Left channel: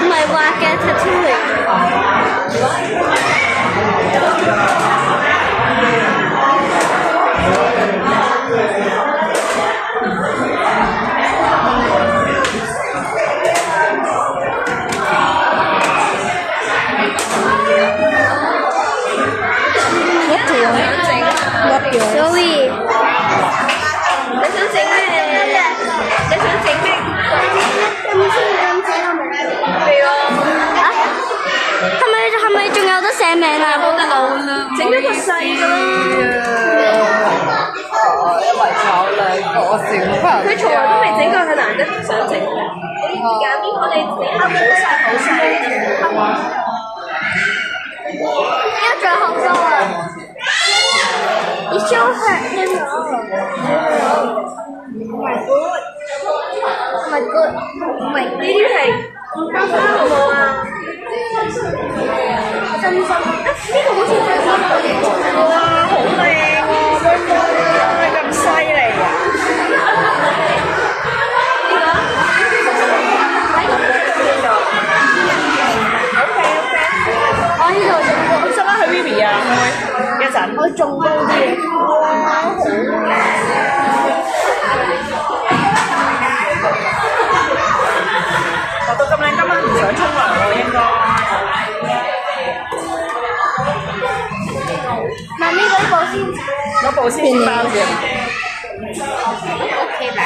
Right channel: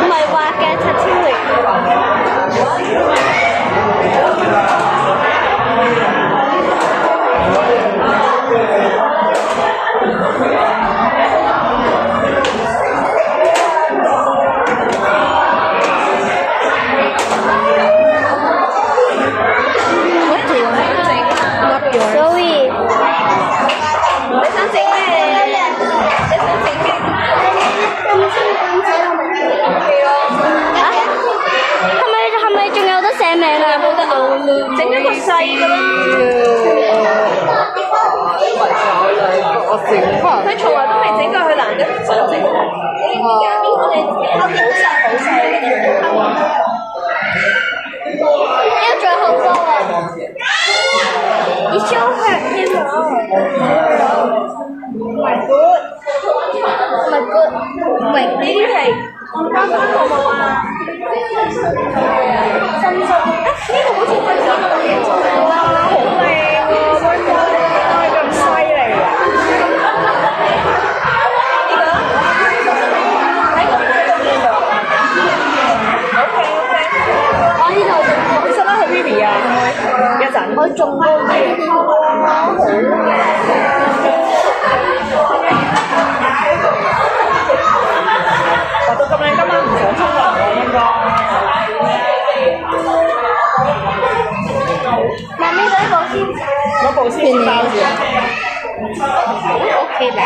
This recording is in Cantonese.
唔係畫嘅 tattoo 嚟嘅。所以你想整咩？你想整咩？係啊！係咪仲有得寫名啊？冇得嘔啦！整一個細嘅佢從來都未整過，佢難得想整。你揀邊個？你整好細好細。要最後收啊！你修下添喎。My God！My God！喂，呢啲係好冇啊？深深，呢個好似哇，好靚喎！妹妹咁犀利啊！喺度邊度？OK，我呢度仲高，使唔使去 Vivi 啊？一陣。我仲高啲，哇，好靚！畫到咁靚，今晚唔想沖涼喎，應該。媽咪攞部先包住。OK 啦。